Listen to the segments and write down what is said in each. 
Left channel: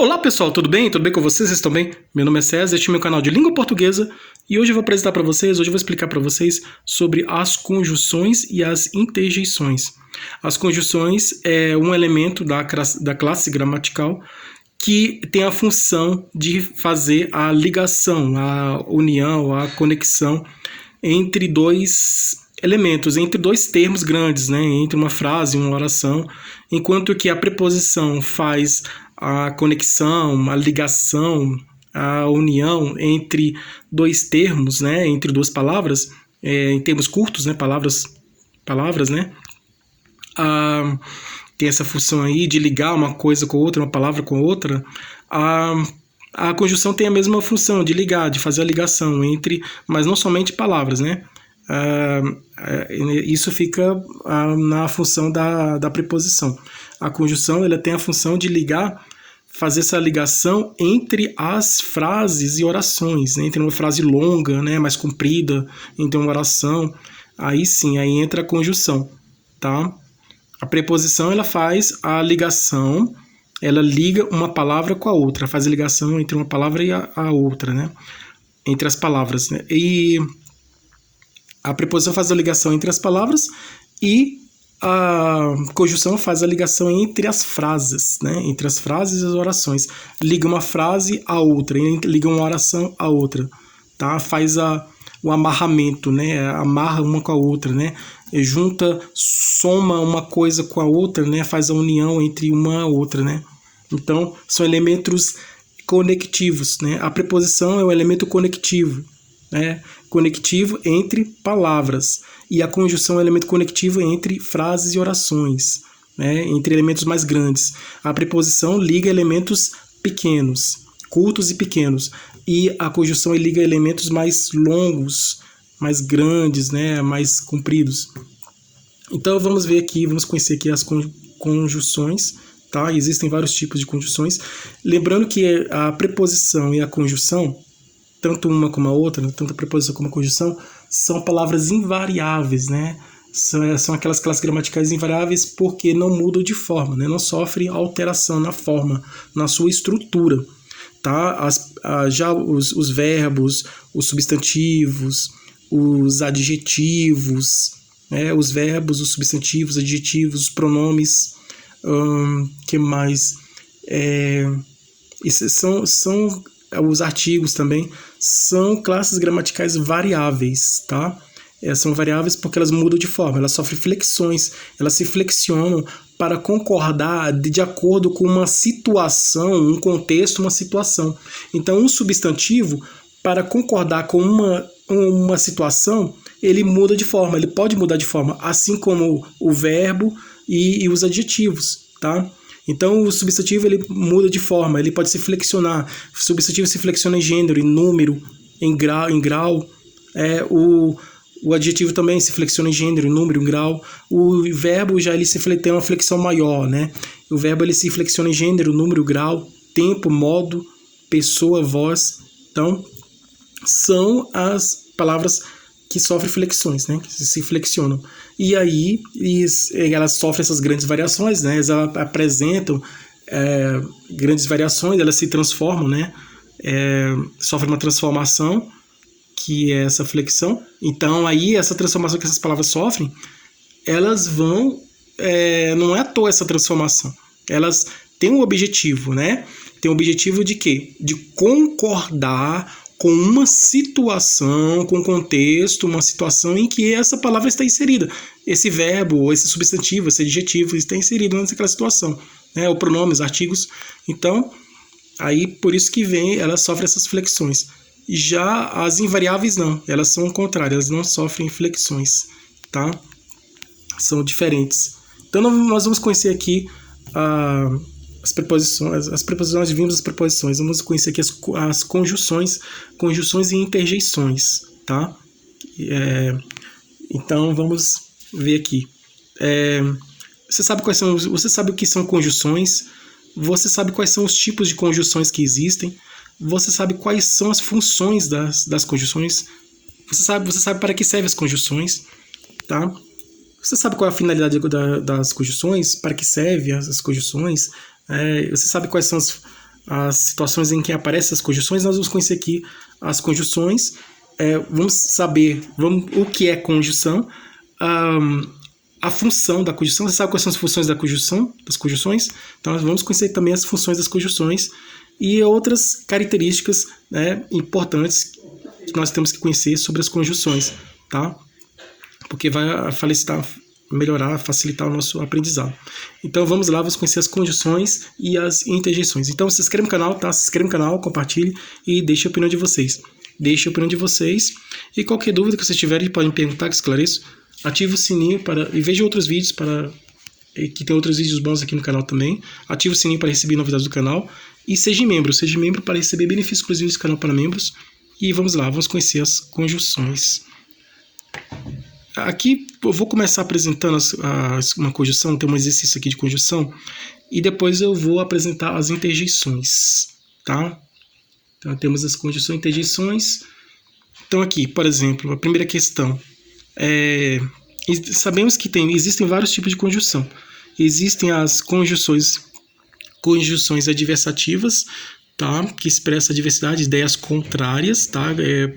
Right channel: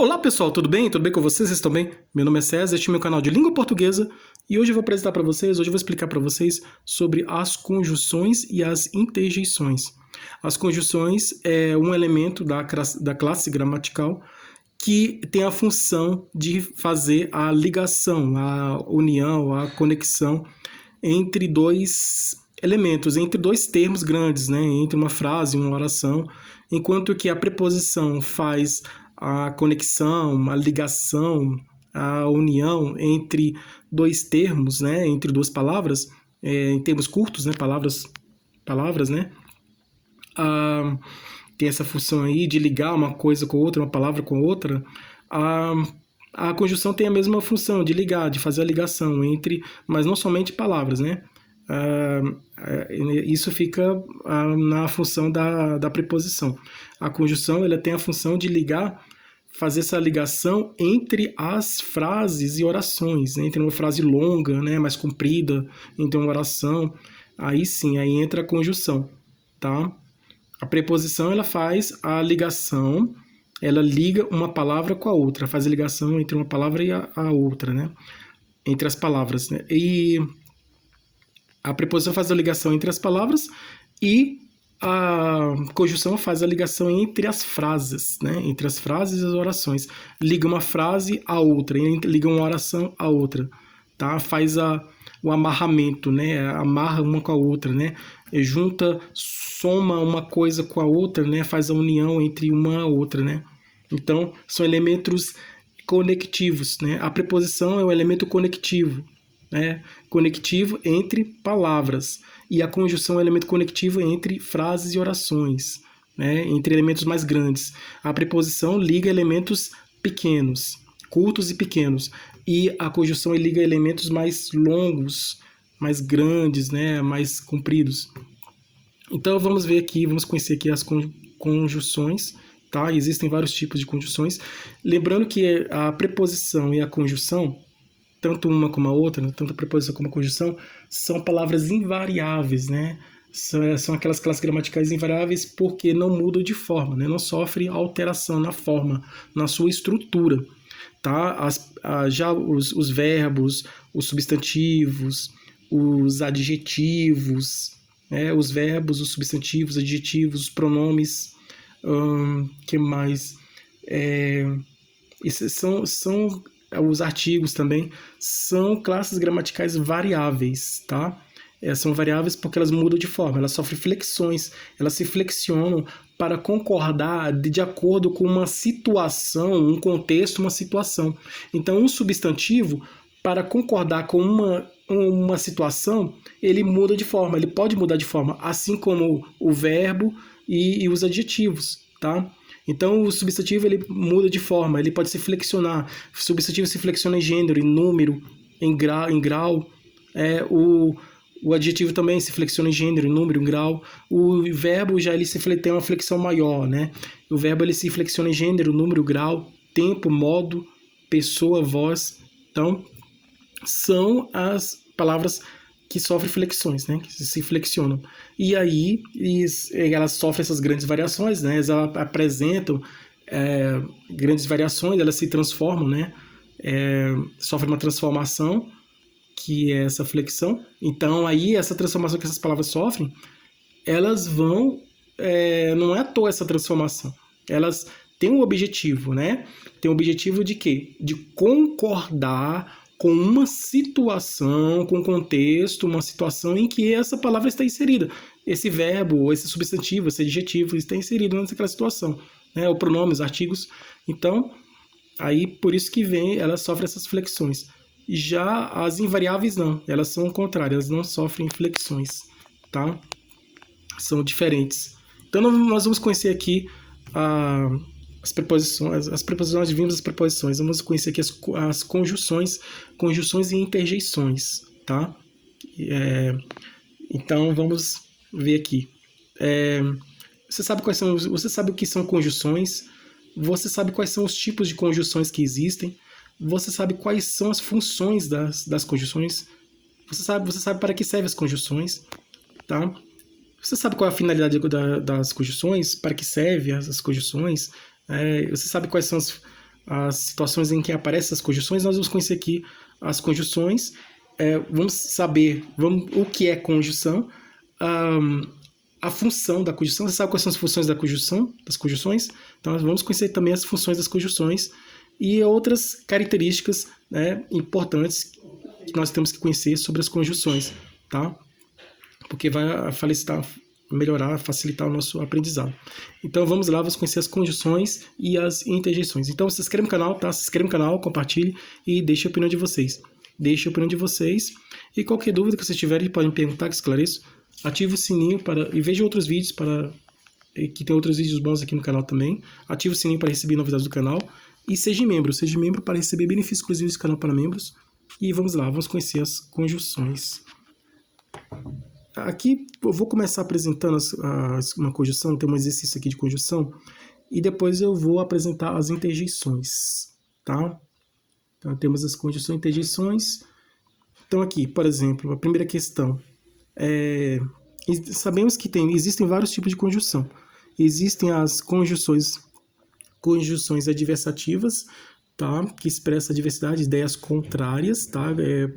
Olá pessoal, tudo bem? Tudo bem com vocês? Vocês estão bem? Meu nome é César, este é meu canal de língua portuguesa e hoje eu vou apresentar para vocês, hoje eu vou explicar para vocês sobre as conjunções e as interjeições. As conjunções é um elemento da classe gramatical que tem a função de fazer a ligação, a união, a conexão entre dois elementos, entre dois termos grandes, né? Entre uma frase e uma oração, enquanto que a preposição faz a conexão, a ligação, a união entre dois termos, né? Entre duas palavras, em termos curtos, né? Palavras, né? Tem essa função aí de ligar uma coisa com outra, uma palavra com outra. A conjunção tem a mesma função de ligar, de fazer a ligação entre, mas não somente palavras, né? Isso fica na função da preposição. A conjunção ela tem a função de ligar, fazer essa ligação entre as frases e orações, né? Entre uma frase longa, né, mais comprida, entre uma oração, aí sim, aí entra a conjunção, tá? A preposição ela faz a ligação, ela liga uma palavra com a outra, faz a ligação entre uma palavra e a outra, né? Entre as palavras, né? E a preposição faz a ligação entre as palavras e a conjunção faz a ligação entre as frases, né? Entre as frases e as orações. Liga uma frase a outra, liga uma oração a outra, tá? Faz o amarramento, né? Amarra uma com a outra, né? Junta, soma uma coisa com a outra, né? Faz a união entre uma e a outra, né? Então, são elementos conectivos, né? A preposição é um elemento conectivo, né? Conectivo entre palavras. E a conjunção é um elemento conectivo entre frases e orações, né? Entre elementos mais grandes. A preposição liga elementos pequenos, curtos e pequenos. E a conjunção liga elementos mais longos, mais grandes, né? Mais compridos. Então vamos ver aqui, vamos conhecer aqui as conjunções, tá? Existem vários tipos de conjunções. Lembrando que a preposição e a conjunção, tanto uma como a outra, tanto a preposição como a conjunção, são palavras invariáveis, né? São aquelas classes gramaticais invariáveis porque não mudam de forma, né? Não sofrem alteração na forma, na sua estrutura, tá? Já os verbos, os substantivos, os adjetivos, né? Os verbos, os substantivos, adjetivos, os pronomes, que mais? São os artigos também, são classes gramaticais variáveis, tá? São variáveis porque elas mudam de forma, elas sofrem flexões, elas se flexionam para concordar de acordo com uma situação, um contexto, uma situação. Então, um substantivo, para concordar com uma situação, ele muda de forma, ele pode mudar de forma, assim como o verbo e os adjetivos, tá? Então, o substantivo ele muda de forma, ele pode se flexionar. O substantivo se flexiona em gênero, em número, em grau. O adjetivo também se flexiona em gênero, em número, em grau. O verbo já ele tem uma flexão maior, né? O verbo ele se flexiona em gênero, número, grau, tempo, modo, pessoa, voz. Então, são as palavras que sofrem flexões, né? Que se flexionam. E aí elas sofrem essas grandes variações, né? Elas apresentam grandes variações, elas se transformam, né? Sofrem uma transformação, que é essa flexão. Então, aí, essa transformação que essas palavras sofrem, elas vão... não é à toa essa transformação. Elas têm um objetivo, né? Tem um objetivo de quê? De concordar com uma situação, com um contexto, uma situação em que essa palavra está inserida. Esse verbo, esse substantivo, esse adjetivo está inserido naquela situação, né? O pronomes, artigos. Então, aí por isso que elas sofrem essas flexões. Já as invariáveis não, elas são o contrário, elas não sofrem flexões, tá? São diferentes. Então nós vamos conhecer aqui as preposições, nós vimos as preposições, vamos conhecer aqui as conjunções e interjeições, tá? Então vamos ver aqui. Você sabe o que são conjunções? Você sabe quais são os tipos de conjunções que existem? Você sabe quais são as funções das conjunções? Você sabe para que servem as conjunções, tá? Você sabe qual é a finalidade das conjunções? Para que servem as conjunções? Você sabe quais são as situações em que aparecem as conjunções, nós vamos conhecer aqui as conjunções, vamos saber o que é conjunção, a função da conjunção. Você sabe quais são as funções das conjunções? Então, nós vamos conhecer também as funções das conjunções e outras características, né, importantes que nós temos que conhecer sobre as conjunções, tá? Porque vai melhorar, facilitar o nosso aprendizado. Então, vamos lá, vamos conhecer as conjunções e as interjeições. Então, se inscreva no canal, tá? Se inscreva no canal, compartilhe e deixe a opinião de vocês. E qualquer dúvida que vocês tiverem, podem perguntar, que esclareço. Ative o sininho e veja outros vídeos que tem outros vídeos bons aqui no canal também. Ative o sininho para receber novidades do canal. E seja membro para receber benefícios exclusivos do canal para membros. E vamos lá, vamos conhecer as conjunções. Aqui eu vou começar apresentando uma conjunção, tem um exercício aqui de conjunção, e depois eu vou apresentar as interjeições, tá? Então temos as conjunções e interjeições. Então aqui, por exemplo, a primeira questão. Sabemos que existem vários tipos de conjunção. Existem as conjunções adversativas, tá? Que expressa a diversidade de ideias contrárias, tá?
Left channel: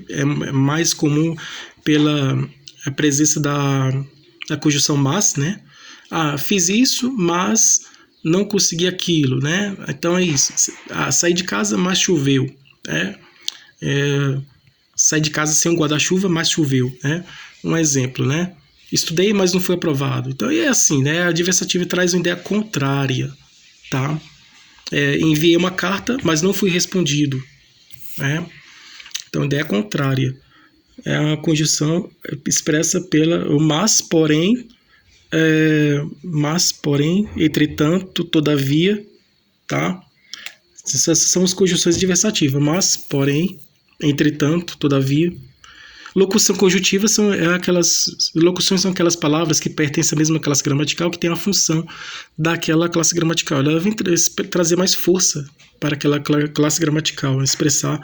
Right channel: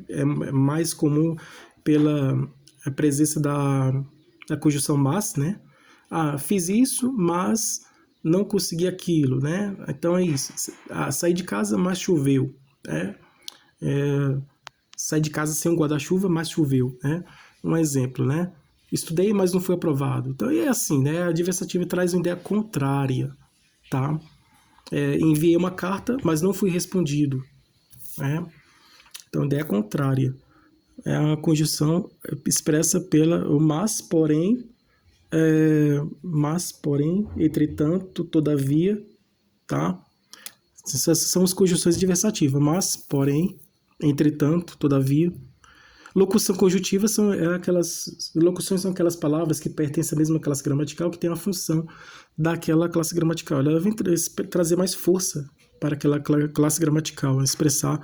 É mais comum pela presença da conjunção mas, né? Fiz isso, mas não consegui aquilo, né? Então é isso. Saí de casa, mas choveu, né? Saí de casa sem um guarda-chuva, mas choveu, né? Um exemplo, né? Estudei, mas não foi aprovado. Então é assim, né? A adversativa traz uma ideia contrária, tá? Enviei uma carta, mas não fui respondido, né? Então, ideia contrária. É uma conjunção expressa pela mas, porém, entretanto, todavia, tá? Essas são as conjunções adversativas. Mas, porém, entretanto, todavia. Locução conjuntiva são aquelas palavras que pertencem à mesma classe gramatical, que tem a função daquela classe gramatical. Ela vem trazer mais força para aquela classe gramatical, expressar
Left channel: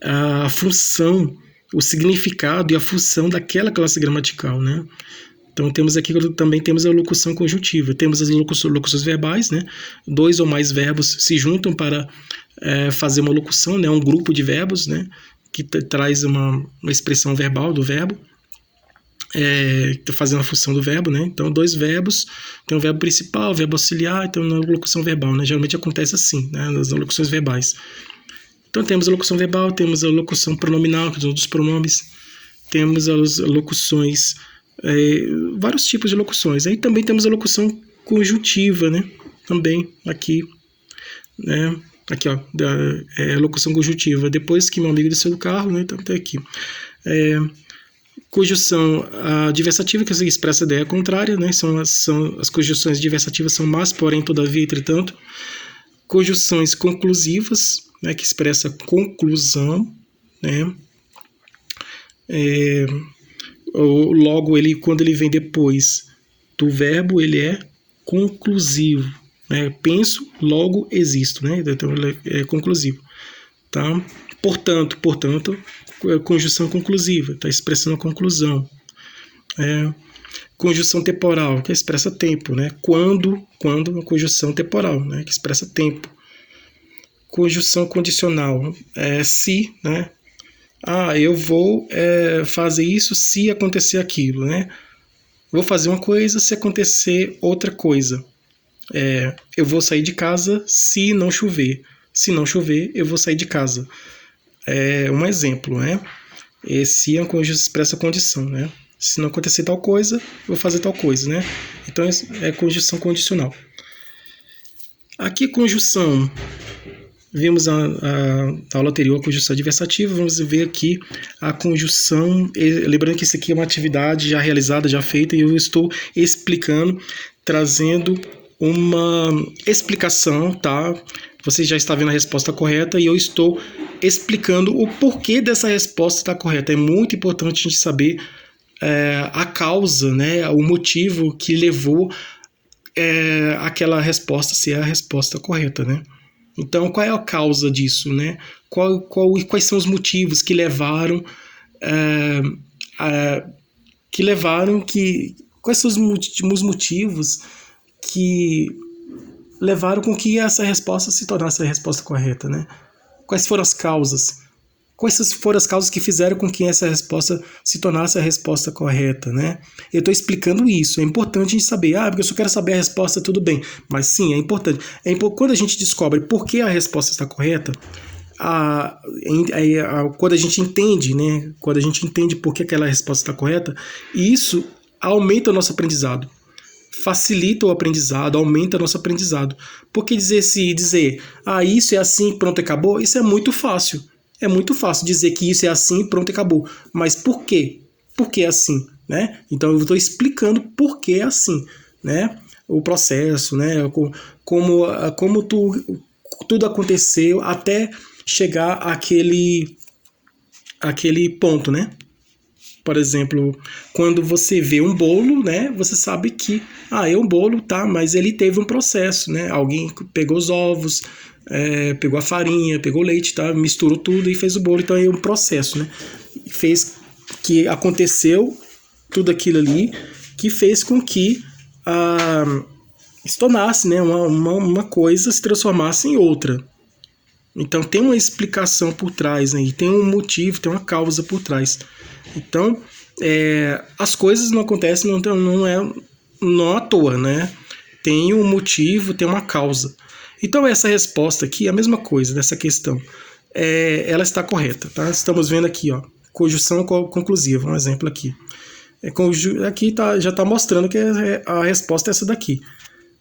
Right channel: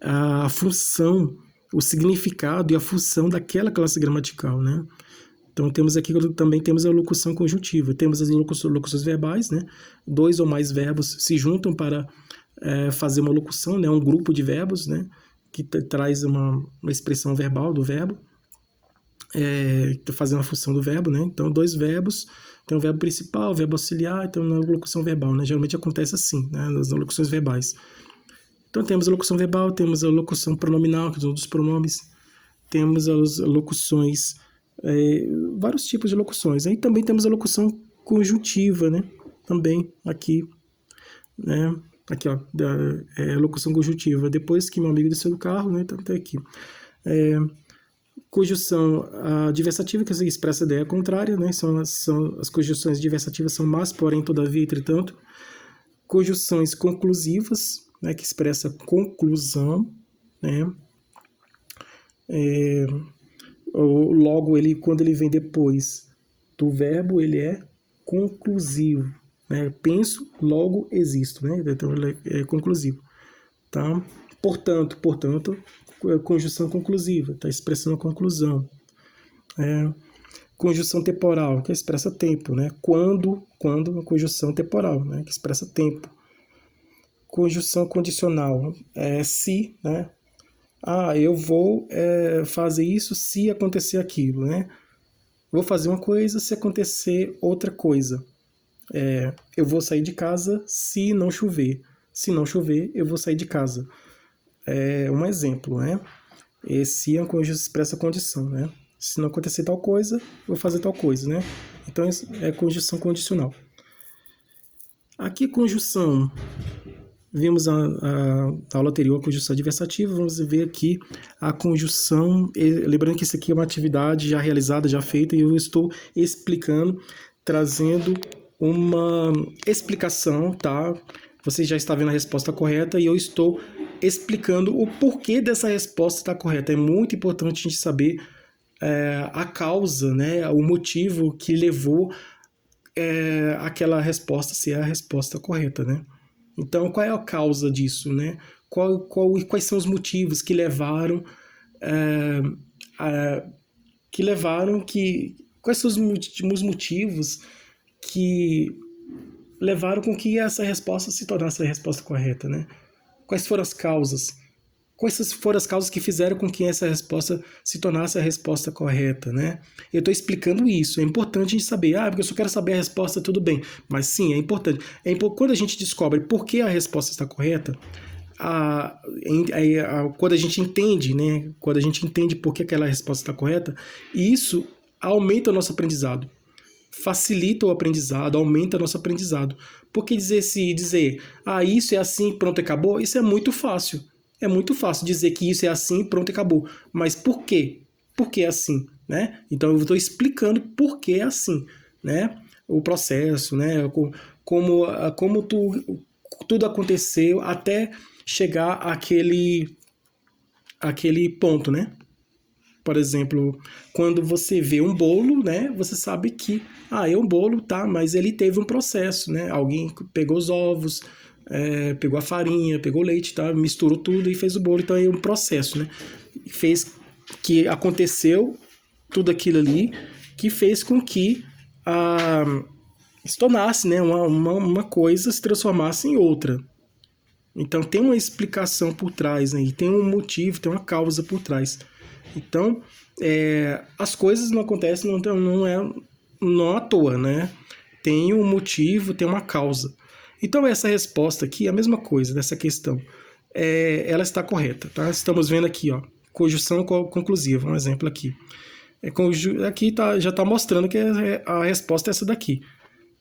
a função, o significado e a função daquela classe gramatical, né? Então também temos a locução conjuntiva. Temos as locuções verbais, né? 2 ou mais verbos se juntam para fazer uma locução, né? Um grupo de verbos, né? Que traz uma expressão verbal do verbo, está fazendo a função do verbo, né? Então, 2 verbos, tem o verbo principal, o verbo auxiliar, então na locução verbal, né? Geralmente acontece assim, né? Nas locuções verbais. Então, temos a locução verbal, temos a locução pronominal, que são os pronomes, temos as locuções, vários tipos de locuções. Aí também temos a locução conjuntiva, né? Também aqui, né? Aqui, ó, locução conjuntiva. Depois que meu amigo desceu do carro, né? Então, tá aqui. Conjunção adversativa, que expressa a ideia contrária, né? São as conjunções adversativas são mas, porém, todavia, entretanto. Conjunções conclusivas, né? Que expressa conclusão, né? Logo, quando ele vem depois do verbo, ele é conclusivo. Penso, logo existo, né? Então ele é conclusivo, tá? Portanto, conjunção conclusiva, está expressando a conclusão. Conjunção temporal, que expressa tempo, né? Quando uma conjunção temporal, né? Que expressa tempo. Conjunção condicional, se, né? Eu vou fazer isso se acontecer aquilo, né? Vou fazer uma coisa se acontecer outra coisa. Eu vou sair de casa se não chover. Se não chover, eu vou sair de casa. Um exemplo, né? Se expressa a condição, né? Se não acontecer tal coisa, eu vou fazer tal coisa, né? Então, é conjunção condicional. Aqui, conjunção. Vimos a aula anterior, a conjunção adversativa. Vamos ver aqui a conjunção. Lembrando que isso aqui é uma atividade já realizada, já feita, e eu estou explicando, trazendo uma explicação, tá? Você já está vendo a resposta correta e eu estou explicando o porquê dessa resposta estar correta. É muito importante a gente saber a causa, né? O motivo que levou aquela resposta ser a resposta correta, né? Então, qual é a causa disso, né? Quais são os motivos que levaram quais são os motivos que levaram com que essa resposta se tornasse a resposta correta, né? Quais foram as causas? Quais foram as causas que fizeram com que essa resposta se tornasse a resposta correta, né? Eu estou explicando isso. É importante a gente saber. Porque eu só quero saber a resposta, tudo bem. Mas sim, é importante. Quando a gente descobre por que a resposta está correta, quando a gente entende, né? Quando a gente entende por que aquela resposta está correta, isso aumenta o nosso aprendizado. Facilita o aprendizado, aumenta nosso aprendizado. Porque dizer isso é assim, pronto, acabou, isso é muito fácil. É muito fácil dizer que isso é assim, pronto, acabou. Mas por quê? Por que é assim? Né? Então eu estou explicando por que é assim, né? O processo, né? Como tudo aconteceu até chegar àquele ponto, né? Por exemplo, quando você vê um bolo, né, você sabe que é um bolo, tá, mas ele teve um processo, né? Alguém pegou os ovos, pegou a farinha, pegou o leite, tá, misturou tudo e fez o bolo. Então é um processo, né? Fez que aconteceu tudo aquilo ali que fez com que se tornasse, né, uma coisa se transformasse em outra. Então tem uma explicação por trás, né? E tem um motivo, tem uma causa por trás. Então, as coisas não acontecem não à toa, né? Tem um motivo, tem uma causa. Então, essa resposta aqui é a mesma coisa dessa questão. Ela está correta, tá? Estamos vendo aqui, ó, conjunção conclusiva, um exemplo aqui. Aqui já está mostrando que a resposta é essa daqui.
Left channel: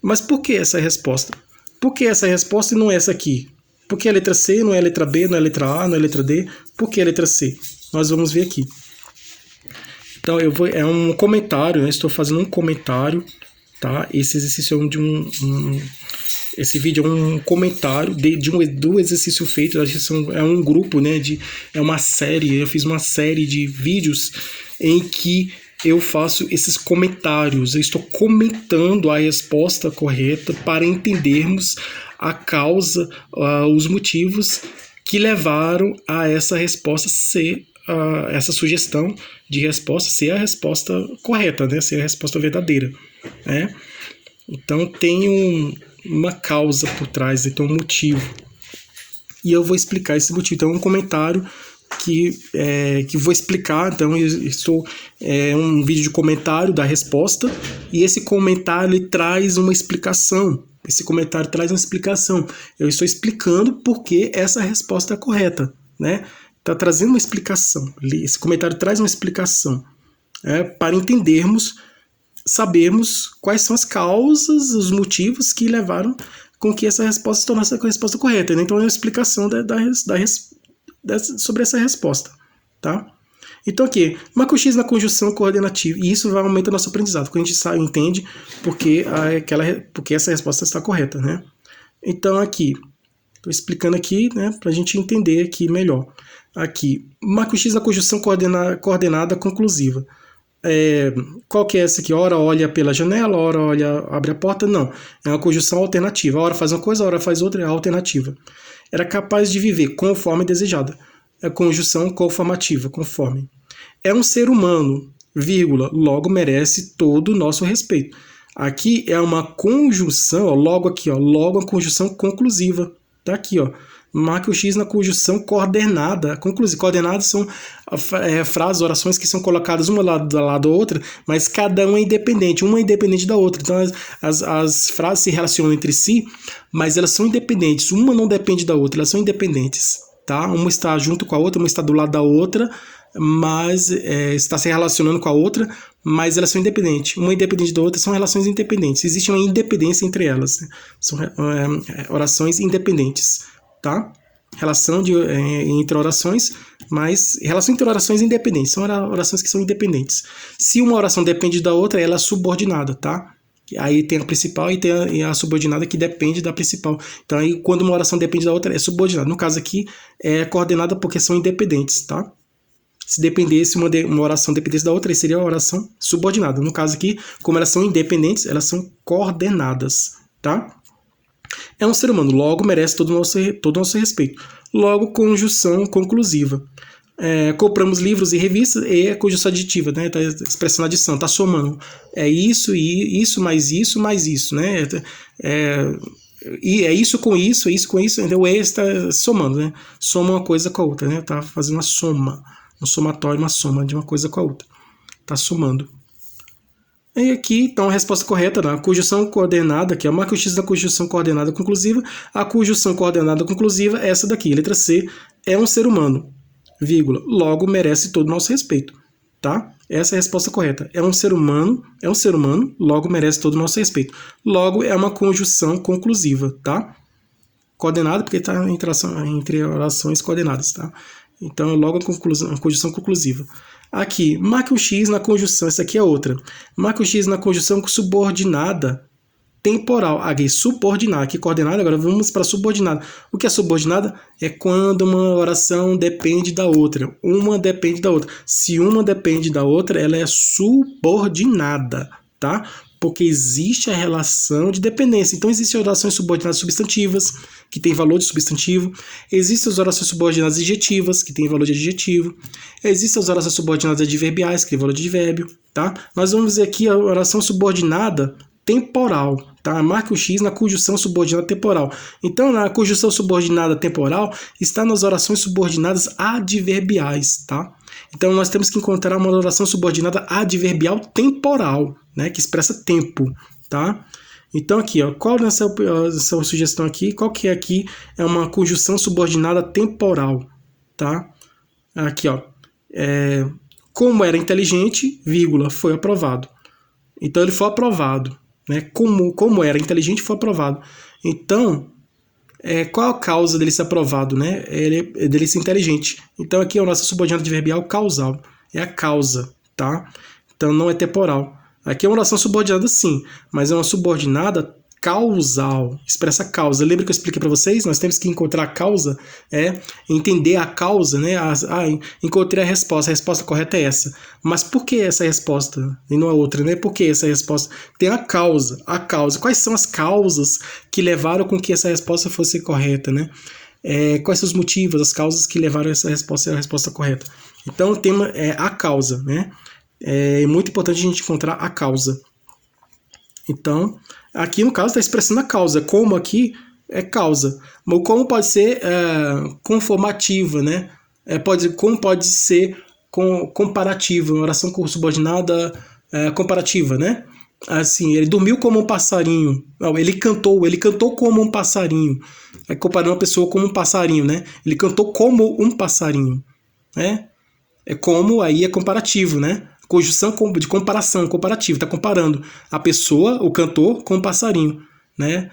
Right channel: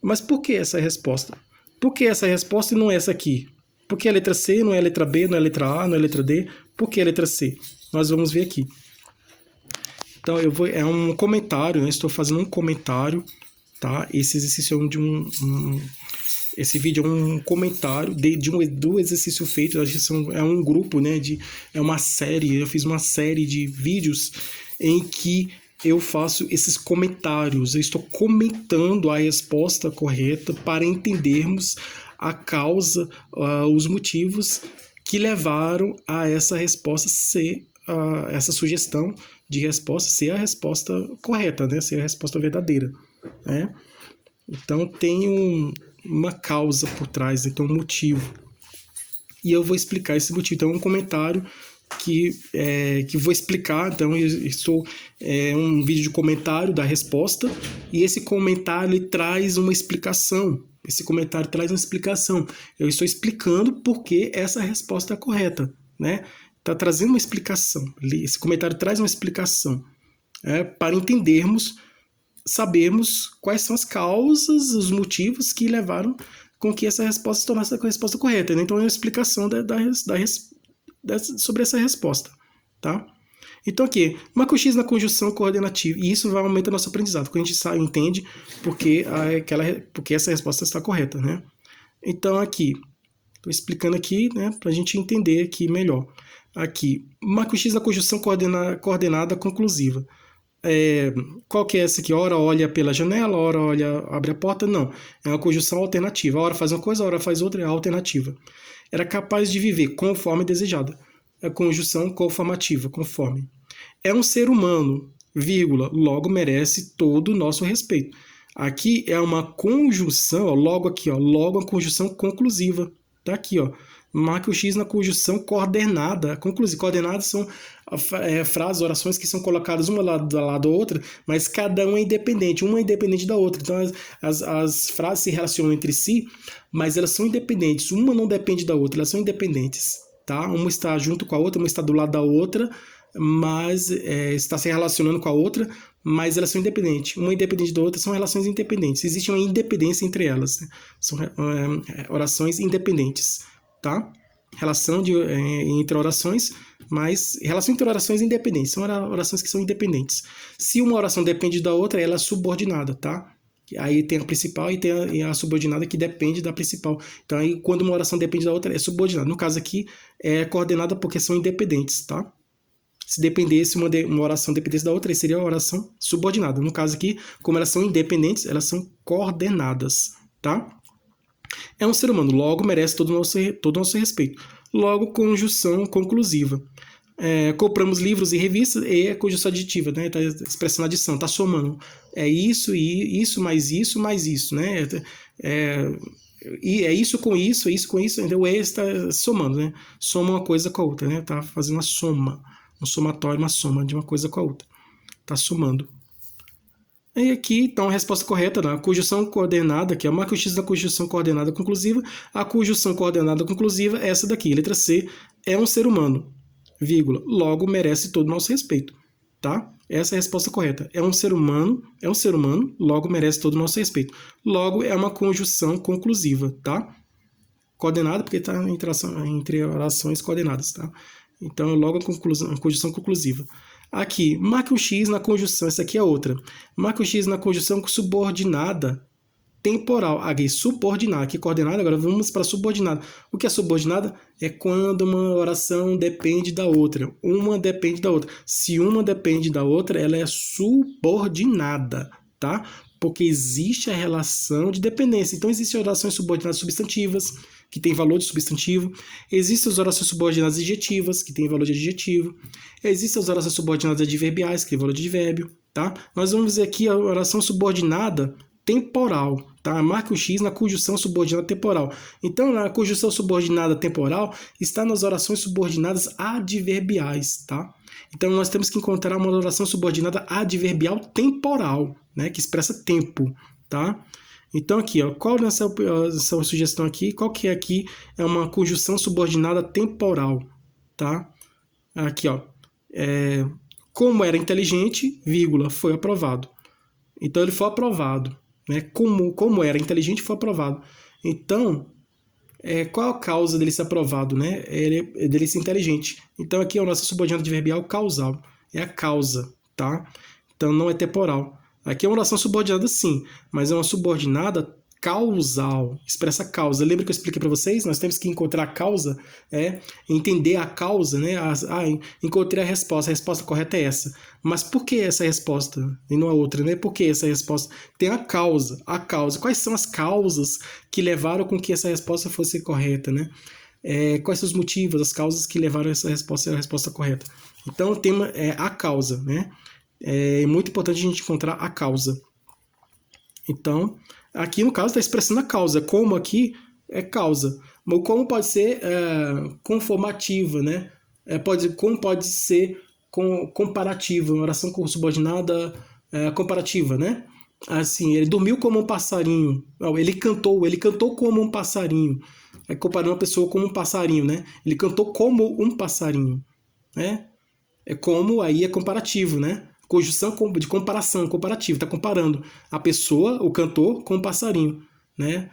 Mas por que essa resposta? Por que essa resposta e não essa aqui? Por que a letra C não é a letra B, não é a letra A, não é a letra D? Por que a letra C? Nós vamos ver aqui. Então, é um comentário, né? Estou fazendo um comentário, tá? Esse exercício esse vídeo é um comentário do exercício feito. É um grupo, né? É uma série. Eu fiz uma série de vídeos em que eu faço esses comentários. Eu estou comentando a resposta correta para entendermos a causa, os motivos que levaram a essa resposta ser essa sugestão de resposta ser a resposta correta, né? Ser a resposta verdadeira, né? Então tem uma causa por trás, então um motivo. E eu vou explicar esse motivo. Então é um comentário que vou explicar. Então um vídeo de comentário da resposta, e esse comentário ele traz uma explicação. Esse comentário traz uma explicação. Eu estou explicando por que essa resposta é correta, né? Está trazendo uma explicação. Esse comentário traz uma explicação para entendermos, sabermos quais são as causas, os motivos que levaram com que essa resposta se tornasse a resposta correta. Então, é uma explicação sobre essa resposta. Tá? Então, aqui, marca o X na conjunção coordenativa, e isso vai aumentar o nosso aprendizado, quando a gente entende porque essa resposta está correta. Né? Então, aqui, estou explicando aqui, né, para a gente entender aqui melhor. Aqui, marca o X na conjunção coordenada conclusiva. Qual que é essa aqui? Ora olha pela janela, ora abre a porta. Não, é uma conjunção alternativa. Ora faz uma coisa, ora faz outra, é alternativa. Era capaz de viver conforme desejada. É conjunção conformativa, conforme. É um ser humano, vírgula, logo merece todo o nosso respeito. Aqui é uma conjunção, ó, logo aqui, ó, logo a conjunção conclusiva. Tá aqui, ó. Marque o X na conjunção coordenada. Coordenadas são frases, orações que são colocadas uma lado da outra, mas cada uma é independente da outra. Então as frases se relacionam entre si, mas elas são independentes. Uma não depende da outra, elas são independentes. Tá? Uma está junto com a outra, uma está do lado da outra, mas está se relacionando com a outra, mas elas são independentes. Uma independente da outra, são relações independentes. Existe uma independência entre elas. Né? São orações independentes. Tá? Relação entre orações, mas relação entre orações independentes. São orações que são independentes. Se uma oração depende da outra, ela é subordinada, tá? Aí tem a principal e tem a subordinada que depende da principal. Então, aí, quando uma oração depende da outra, é subordinada. No caso aqui, é coordenada porque são independentes, tá? Se dependesse uma oração dependesse da outra, aí seria a oração subordinada. No caso aqui, como elas são independentes, elas são coordenadas, tá? É um ser humano, logo merece todo o nosso respeito. Logo, conjunção conclusiva. Compramos livros e revistas, e é conjunção aditiva, né? Tá expressando adição, tá somando. É isso, e isso, mais isso, mais isso, né? E é isso com isso, é isso com isso, então o E está somando, né? Soma uma coisa com a outra, né? Tá fazendo uma soma, um somatório, uma soma de uma coisa com a outra. Tá somando. E aqui, então, a resposta correta, né? A conjunção coordenada, que é marca o X da conjunção coordenada conclusiva. A conjunção coordenada conclusiva é essa daqui, letra C, é um ser humano, vírgula, logo merece todo o nosso respeito, tá? Essa é a resposta correta. É um ser humano, logo merece todo o nosso respeito. Logo é uma conjunção conclusiva, tá? Coordenada porque está entre orações coordenadas, tá? Então, logo a conjunção conclusiva. Aqui, marque um X na conjunção, essa aqui é outra. Marque um X na conjunção subordinada temporal. Aqui, subordinada, aqui coordenada, agora vamos para subordinada. O que é subordinada? É quando uma oração depende da outra. Uma depende da outra. Se uma depende da outra, ela é subordinada, tá? Porque existe a relação de dependência. Então, existem orações subordinadas substantivas, que tem valor de substantivo. Existem as orações subordinadas adjetivas, que tem valor de adjetivo. Existem as orações subordinadas adverbiais, que tem valor de advérbio, tá? Nós vamos ver aqui a oração subordinada temporal, tá? Marque o X na conjunção subordinada temporal. Então, na conjunção subordinada temporal está nas orações subordinadas adverbiais, tá? Então, nós temos que encontrar uma oração subordinada adverbial temporal, né? Que expressa tempo, tá? Então, aqui, ó, qual nessa sugestão aqui, qual que é aqui? É uma conjunção subordinada temporal, tá? Aqui, ó, como era inteligente, vírgula, foi aprovado. Então, ele foi aprovado, né? Como era inteligente, foi aprovado. Então, qual a causa dele ser aprovado, né? Dele ser inteligente. Então, aqui é o nosso subordinado adverbial causal. É a causa, tá? Então, não é temporal. Aqui é uma oração subordinada, sim, mas é uma subordinada causal, expressa causa. Lembra que eu expliquei para vocês? Nós temos que encontrar a causa, entender a causa, né? Encontrei a resposta correta é essa. Mas por que essa resposta e não a outra, né? Por que essa resposta? Tem a causa. Quais são as causas que levaram com que essa resposta fosse correta, né? Quais são os motivos, as causas que levaram essa resposta a resposta correta? Então, o tema é a causa, né? É muito importante a gente encontrar a causa. Então, aqui no caso está expressando a causa. Como aqui é causa. Mas como pode ser conformativa, né? Como pode ser comparativa, uma oração subordinada comparativa, né? Assim, ele dormiu como um passarinho. Não, ele cantou como um passarinho. Comparando uma pessoa como um passarinho, né? Ele cantou como um passarinho, né? Como aí é comparativo, né? Conjunção de comparação, comparativo, está comparando a pessoa, o cantor, com o passarinho, né?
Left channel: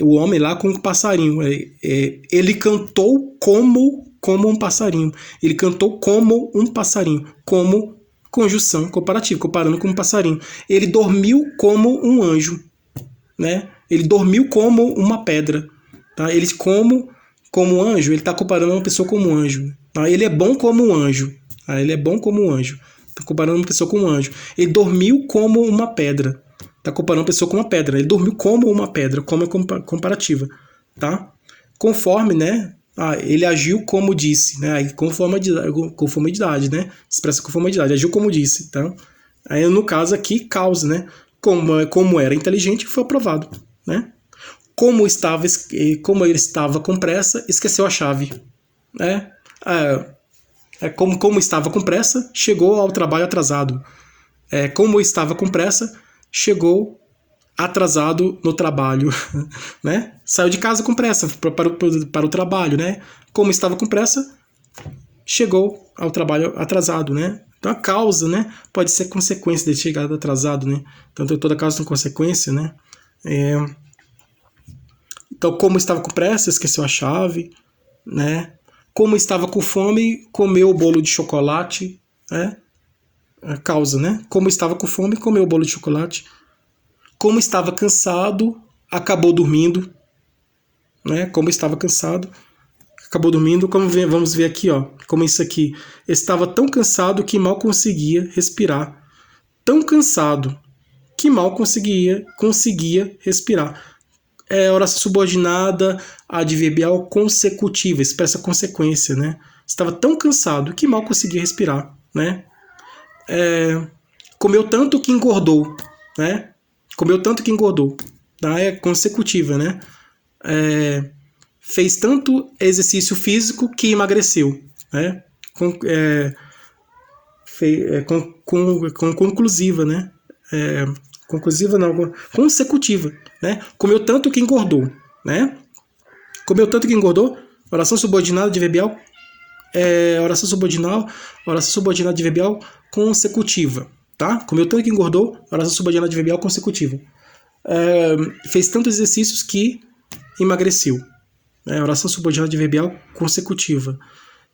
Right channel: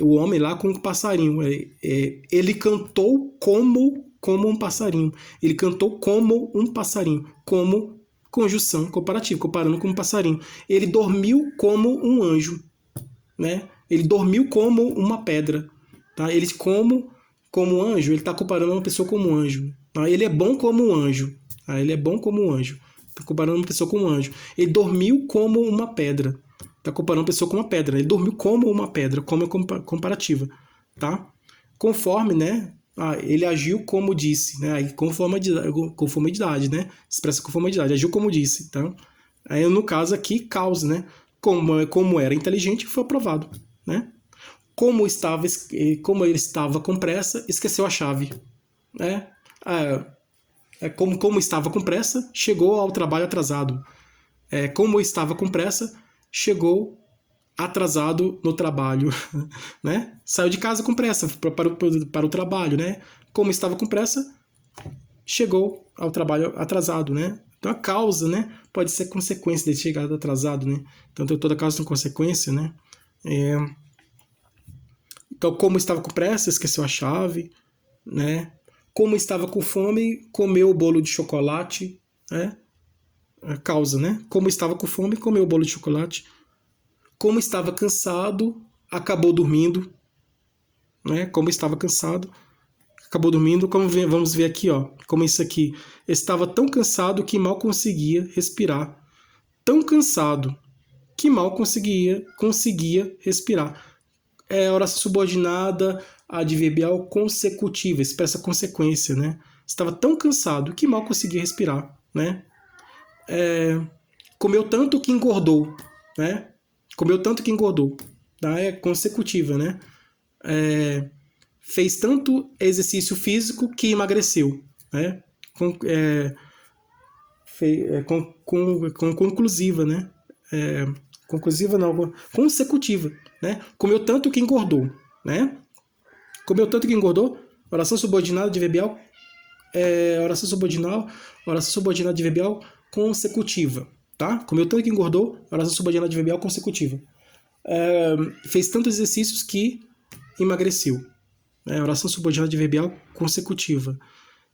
O homem lá com o passarinho. Ele cantou como um passarinho. Ele cantou como um passarinho, como conjunção comparativa, comparando com um passarinho. Ele dormiu como um anjo, né? Ele dormiu como uma pedra, tá? Ele como um anjo, ele está comparando uma pessoa como um anjo. Tá? Ele é bom como um anjo. Ele é bom como um anjo. Está comparando uma pessoa com um anjo. Ele dormiu como uma pedra. Está comparando uma pessoa com uma pedra. Ele dormiu como uma pedra, como é comparativa, tá? Conforme, né? Ele agiu como disse, né? Aí conformidade, né? Expressa conformidade. Agiu como disse, tá? Aí no caso aqui causa, né? Como era inteligente, foi aprovado, né? Como ele estava com pressa, esqueceu a chave, né? Como estava com pressa, chegou ao trabalho atrasado. Como estava com pressa, chegou atrasado no trabalho, né? Saiu de casa com pressa para o trabalho, né? Como estava com pressa, chegou ao trabalho atrasado, né? Então a causa, né, pode ser consequência de chegar atrasado, né? Então toda causa tem consequência, né? Então como estava com pressa, esqueceu a chave, né? Como estava com fome, comeu o bolo de chocolate, né? A causa, né? Como estava com fome, comeu o bolo de chocolate. Como estava cansado, acabou dormindo, né? Como estava cansado, acabou dormindo. Vamos ver aqui, ó, como isso aqui. Estava tão cansado que mal conseguia respirar. Tão cansado que mal conseguia respirar. Oração subordinada adverbial consecutiva, expressa consequência, né? Estava tão cansado que mal conseguia respirar, né? Comeu tanto que engordou, né? Comeu tanto que engordou, tá? É consecutiva, né? fez tanto exercício físico que emagreceu, né? Com conclusiva, né? Conclusiva não, consecutiva, né? Comeu tanto que engordou, né? Comeu tanto que engordou, oração subordinada adverbial, oração subordinada adverbial consecutiva, tá? Comeu tanto que engordou, oração subordinada adverbial consecutiva. Fez tantos exercícios que emagreceu, oração subordinada adverbial consecutiva.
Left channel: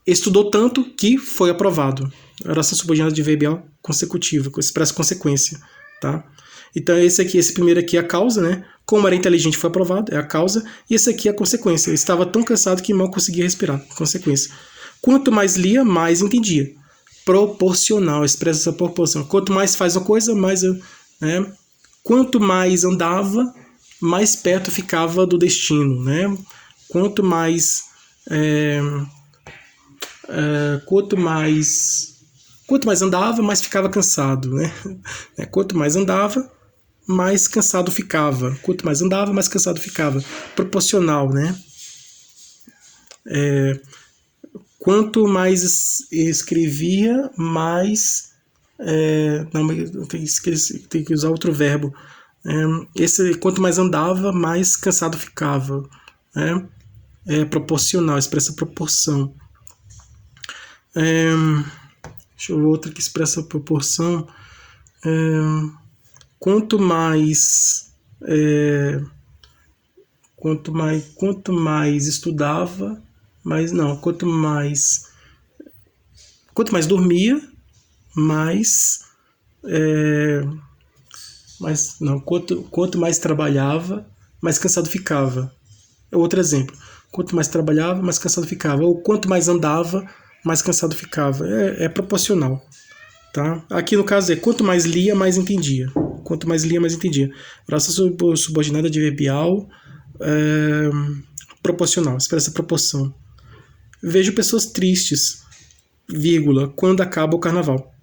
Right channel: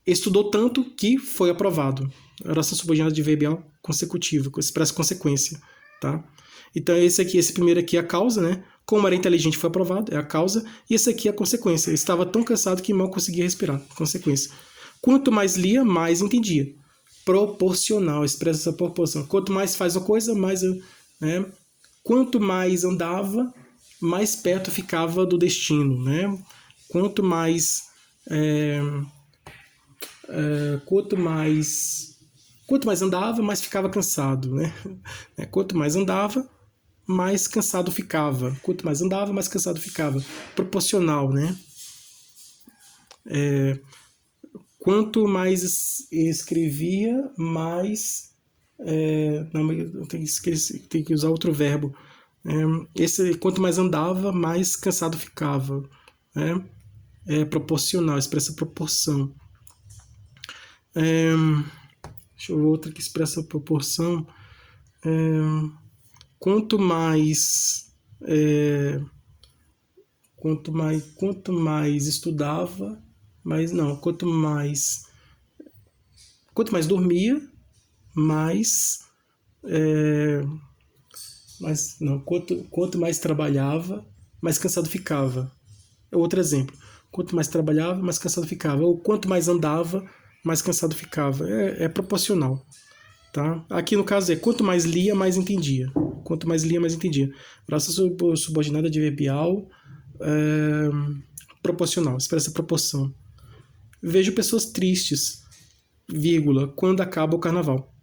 Estudou tanto que foi aprovado, oração subordinada adverbial consecutiva, expressa consequência, tá? Então esse primeiro aqui é a causa, né? Como era inteligente foi aprovado, é a causa, e esse aqui é a consequência. Ele estava tão cansado que mal conseguia respirar, consequência. Quanto mais lia, mais entendia. Proporcional, expressa essa proporção. Quanto mais faz uma coisa, mais quanto mais andava, mais perto ficava do destino, né? Quanto mais andava, mais ficava cansado, né? Quanto mais andava, mais cansado ficava. Quanto mais andava, mais cansado ficava. Proporcional, né? Quanto mais escrevia, mais... não, tem que usar outro verbo. Quanto mais andava, mais cansado ficava. Proporcional, expressa proporção. Deixa eu ver outra que expressa proporção. Quanto mais estudava, quanto mais dormia, quanto mais trabalhava, mais cansado ficava. Outro exemplo. Quanto mais trabalhava, mais cansado ficava. Ou quanto mais andava, mais cansado ficava. É proporcional. Tá? Aqui no caso quanto mais lia, mais entendia. Quanto mais lia, mais entendia. Oração subordinada adverbial proporcional, expressa proporção. Vejo pessoas tristes, vírgula, quando acaba o carnaval.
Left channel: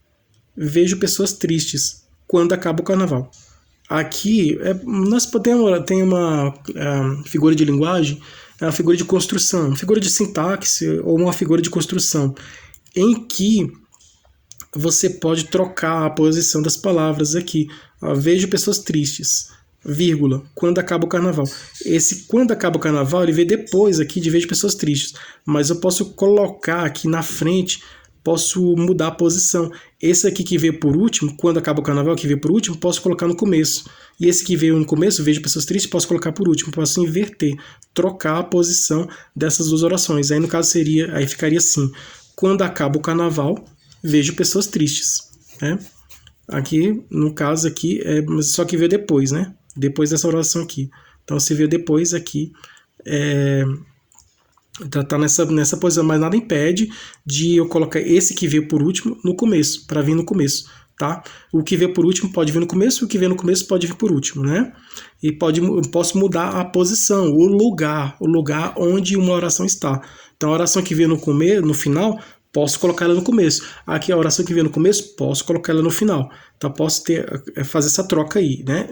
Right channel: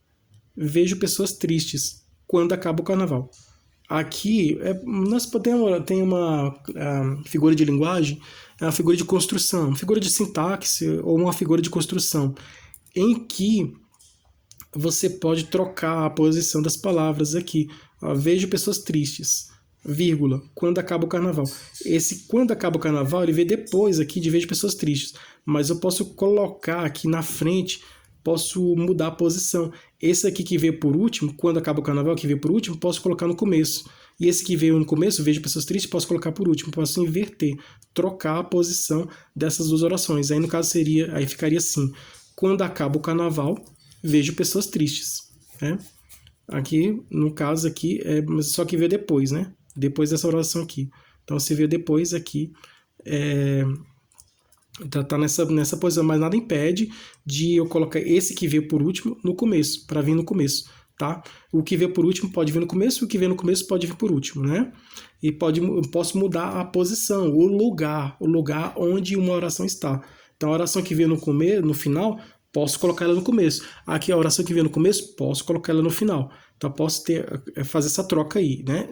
Vejo pessoas tristes quando acaba o carnaval. Aqui, nós tem uma figura de linguagem, uma figura de construção, uma figura de sintaxe ou uma figura de construção, em que você pode trocar a posição das palavras aqui. Vejo pessoas tristes, vírgula, quando acaba o carnaval. Esse quando acaba o carnaval, ele vem depois aqui de vejo pessoas tristes. Mas eu posso colocar aqui na frente, posso mudar a posição. Esse aqui que veio por último, quando acaba o carnaval, que veio por último, posso colocar no começo. E esse que veio no começo, vejo pessoas tristes, posso colocar por último. Posso inverter, trocar a posição dessas duas orações. Aí no caso aí ficaria assim: quando acaba o carnaval, vejo pessoas tristes, né? Aqui, no caso aqui, só que veio depois, né? Depois dessa oração aqui. Então, se veio depois aqui, tá nessa posição, mas nada impede de eu colocar esse que veio por último no começo, para vir no começo, tá? O que veio por último pode vir no começo, o que veio no começo pode vir por último, né? E posso mudar a posição, o lugar onde uma oração está. Então, a oração que veio no final, posso colocar ela no começo. Aqui a oração que veio no começo, posso colocar ela no final. Então, posso fazer essa troca aí, né?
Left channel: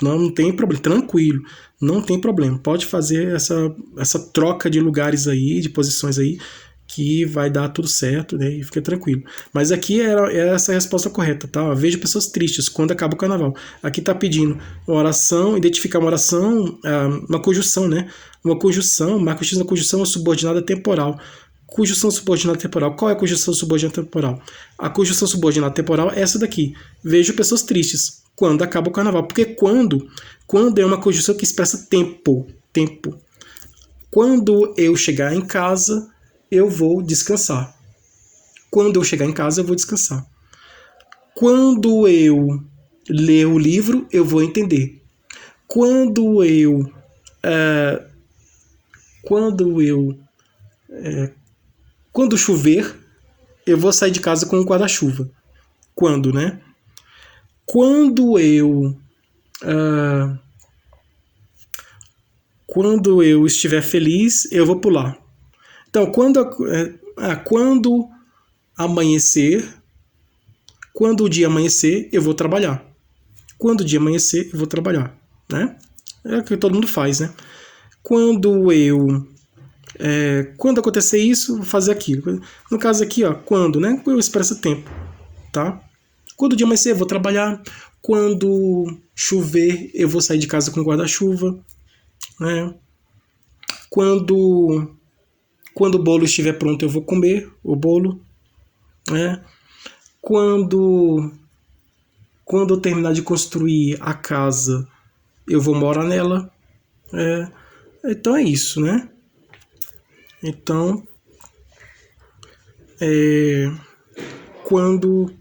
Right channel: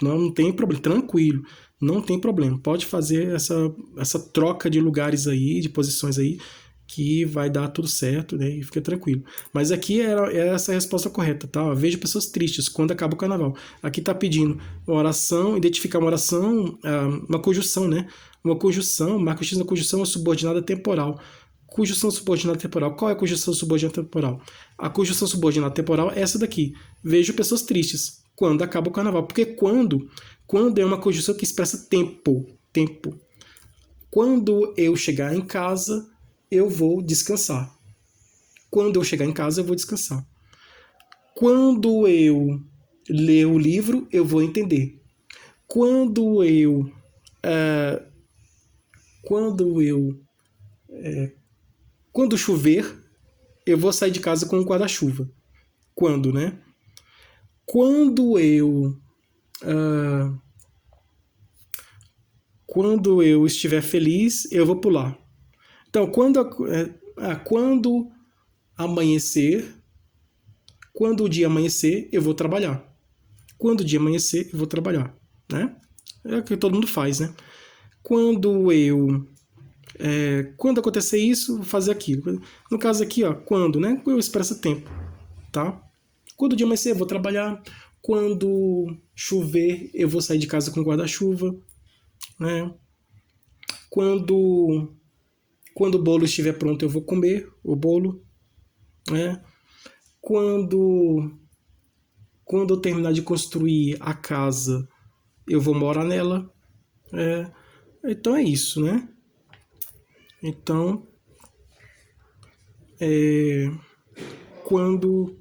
Não tem problema, tranquilo, não tem problema. Pode fazer essa troca de lugares aí, de posições aí, que vai dar tudo certo, né? E fica tranquilo. Mas aqui é essa a resposta correta, tá? Vejo pessoas tristes quando acaba o carnaval. Aqui tá pedindo uma oração, identificar uma oração, uma conjunção, né? Uma conjunção, marca X na conjunção subordinada temporal. Conjunção subordinada temporal. Qual é a conjunção subordinada temporal? A conjunção subordinada temporal é essa daqui. Vejo pessoas tristes quando acaba o carnaval. Porque quando é uma conjunção que expressa tempo. Quando eu chegar em casa, eu vou descansar. Quando eu chegar em casa, eu vou descansar. Quando eu ler o livro, eu vou entender. Quando chover, eu vou sair de casa com um guarda-chuva. Quando, né? Quando eu estiver feliz, eu vou pular. Então, quando amanhecer, quando o dia amanhecer, eu vou trabalhar. Quando o dia amanhecer, eu vou trabalhar, né? É o que todo mundo faz, né? Quando acontecer isso, vou fazer aquilo. No caso aqui, ó, quando, né? Eu expresso tempo, tá? Quando o dia amanhecer, eu vou trabalhar. Quando chover, eu vou sair de casa com guarda-chuva, né? Quando o bolo estiver pronto, eu vou comer o bolo, né? Quando eu terminar de construir a casa, eu vou morar nela. Então é isso, né? Então, quando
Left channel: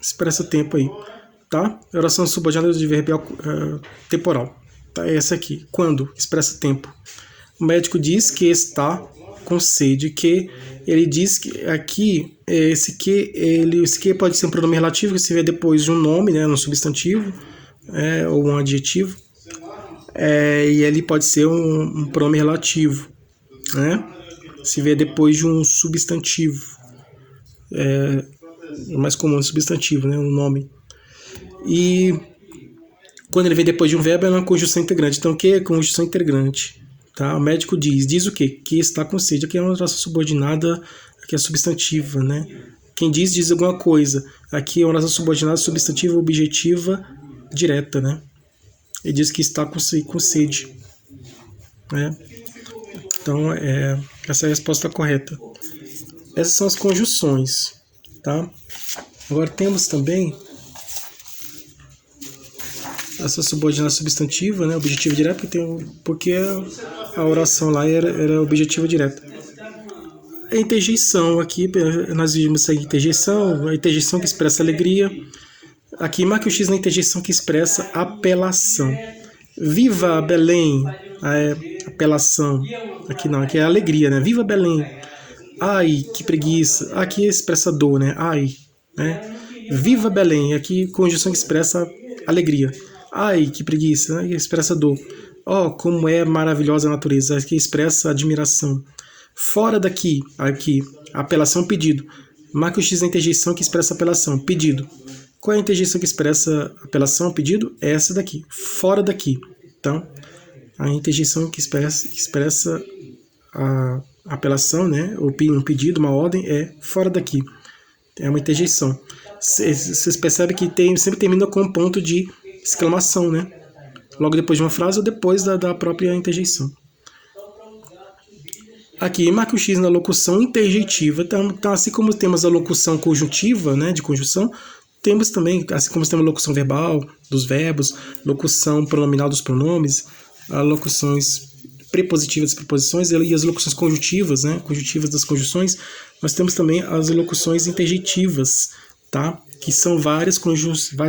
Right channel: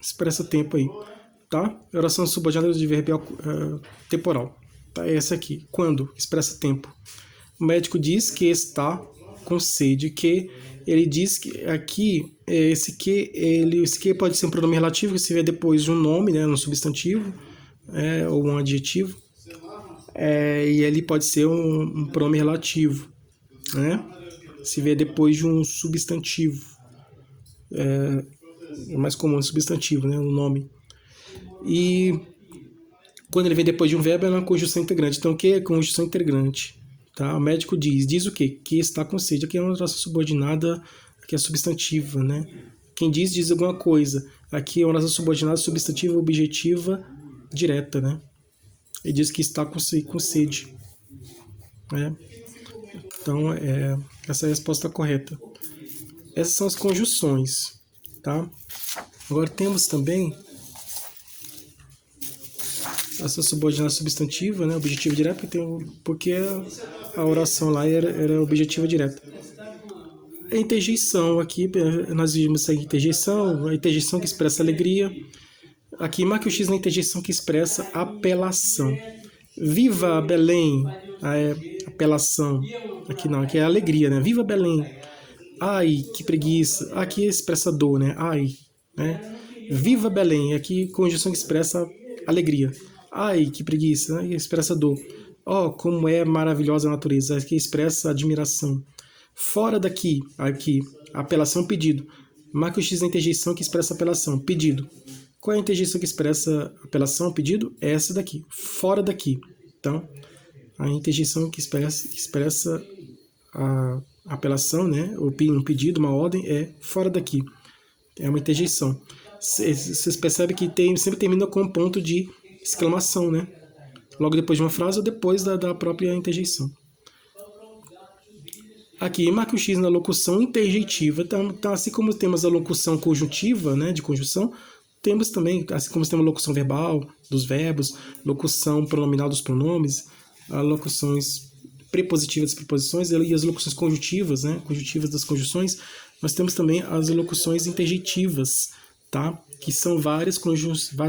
expressa tempo aí, tá? Oração subordinada de verbo temporal. Tá? É essa aqui. Quando expressa tempo. O médico diz que está com sede, que ele diz que aqui esse que pode ser um pronome relativo que se vê depois de um nome, né, um substantivo, ou um adjetivo, e ele pode ser um pronome relativo, né? Se vê depois de um substantivo, é mais comum um substantivo, né, um nome. E quando ele vem depois de um verbo é uma conjunção integrante. Então o que é conjunção integrante? Tá? O médico diz o quê? Que está com sede. Aqui é uma oração subordinada, aqui é substantiva, né? Quem diz alguma coisa. Aqui é uma oração subordinada, substantiva, objetiva, direta, né? Ele diz que está com sede, né? Então, essa é a resposta correta. Essas são as conjunções, tá? Agora temos também essa subordinada substantiva, né? Objetiva direta, porque a oração lá era objetiva direta. A interjeição aqui, nós vimos a interjeição que expressa alegria. Aqui, marque o X na interjeição que expressa apelação. Viva Belém, apelação. Aqui não, aqui é alegria, né? Viva Belém. Ai, que preguiça. Aqui expressa dor, né? Ai, né? Viva Belém, aqui conjunção que expressa alegria. Ai, que preguiça, né? Expressa dor. Como é maravilhosa a natureza, aqui expressa admiração. Fora daqui, aqui, apelação, pedido. Marque o X na interjeição que expressa apelação, pedido. Qual é a interjeição que expressa apelação, pedido? É essa daqui, fora daqui. Então, a interjeição que expressa a apelação, né? Um pedido, uma ordem, é fora daqui. É uma interjeição. Vocês percebem que sempre termina com um ponto de exclamação, né? Logo depois de uma frase ou depois da própria interjeição. Aqui, marque o X na locução interjeitiva. Então, assim como temos a locução conjuntiva, né, de conjunção, temos também, assim como temos a locução verbal dos verbos, locução pronominal dos pronomes, as locuções prepositivas das preposições e as locuções conjuntivas, né, conjuntivas das conjunções. Nós temos também as locuções interjeitivas, tá? Que são várias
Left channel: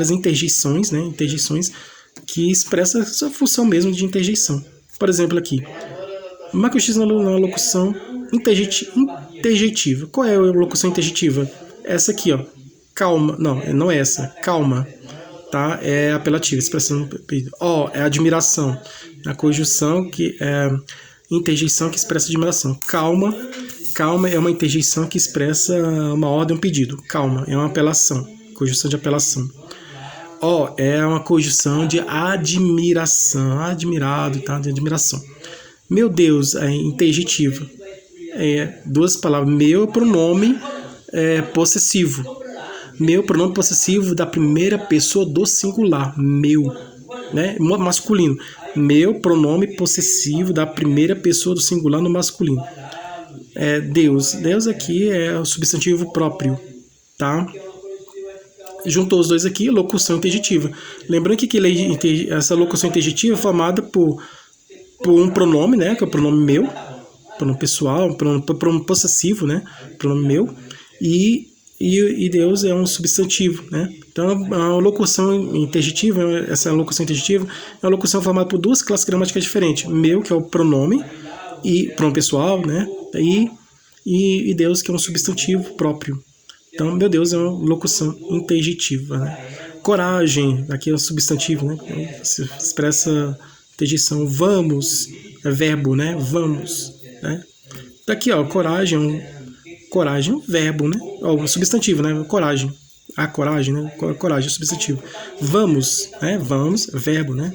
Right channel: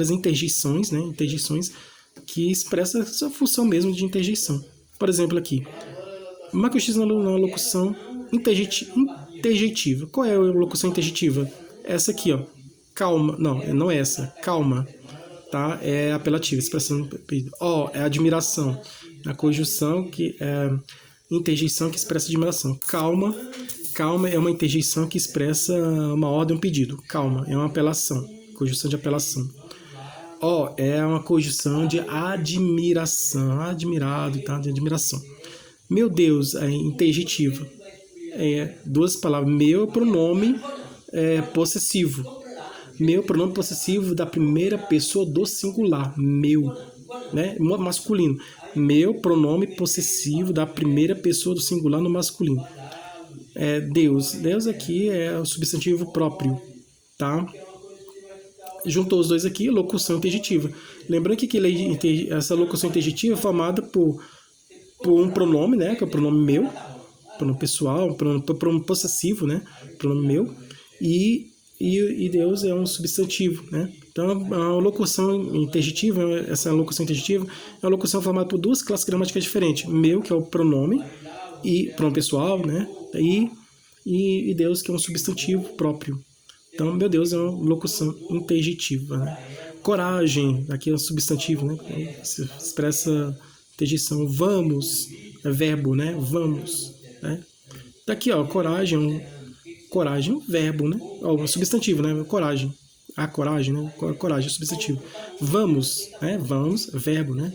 interjeições, né, interjeições que expressam essa função mesmo de interjeição. Por exemplo, aqui, marque o X na locução interjeitiva. Qual é a locução interjeitiva? Essa aqui, ó. Calma. Não é essa. Calma. Tá? É apelativa, expressão. É admiração. A conjunção que é interjeição que expressa admiração. Calma. Calma é uma interjeição que expressa uma ordem, um pedido. Calma é uma apelação. Conjunção de apelação. É uma conjunção de admiração. Admirado, tá? De admiração. Meu Deus, é interjetiva. Duas palavras. Meu pronome possessivo. Meu pronome possessivo da primeira pessoa do singular. Meu, né? Masculino. Meu pronome possessivo da primeira pessoa do singular no masculino. Deus. Deus aqui é o substantivo próprio, tá? Juntou os dois aqui, locução interjetiva. Lembrando que essa locução interjetiva é formada por um pronome, né? Que é o pronome meu, pronome pessoal, pronome possessivo, né? Pronome meu. E Deus é um substantivo, né? Então, a locução interjetiva, essa locução interjetiva é uma locução formada por duas classes gramaticais diferentes. Meu, que é o pronome, e pronome pessoal, né? E Deus, que é um substantivo próprio. Então, meu Deus é uma locução interjetiva, né? Coragem, aqui é um substantivo, né? Se expressa interjeição. Vamos, é verbo, né? Vamos, né? Daqui, ó, coragem, verbo, né? Um substantivo, né? Coragem. A coragem, né? Coragem, substantivo. Vamos, né? Vamos, verbo, né?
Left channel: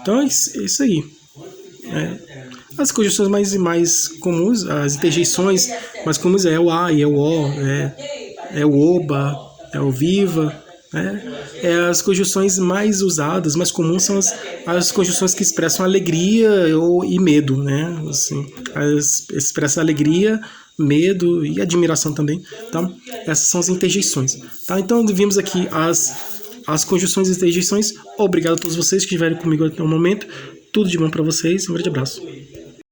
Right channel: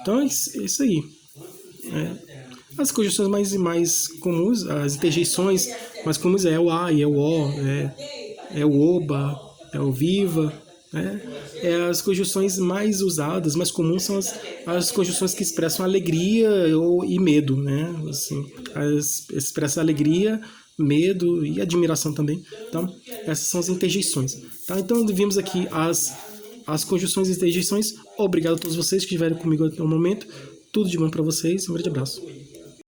Então é isso aí. As conjunções mais comuns, as interjeições mais comuns é o a e é o o, é o oba, é o viva. As conjunções mais usadas, mais comuns são as conjunções que expressam alegria e medo, né? Assim, expressa alegria, medo e admiração também. Tá? Essas são as interjeições. Tá? Então vimos aqui as conjunções e interjeições. Obrigado a todos vocês que estiveram comigo até o momento. Tudo de bom para vocês. Um grande abraço.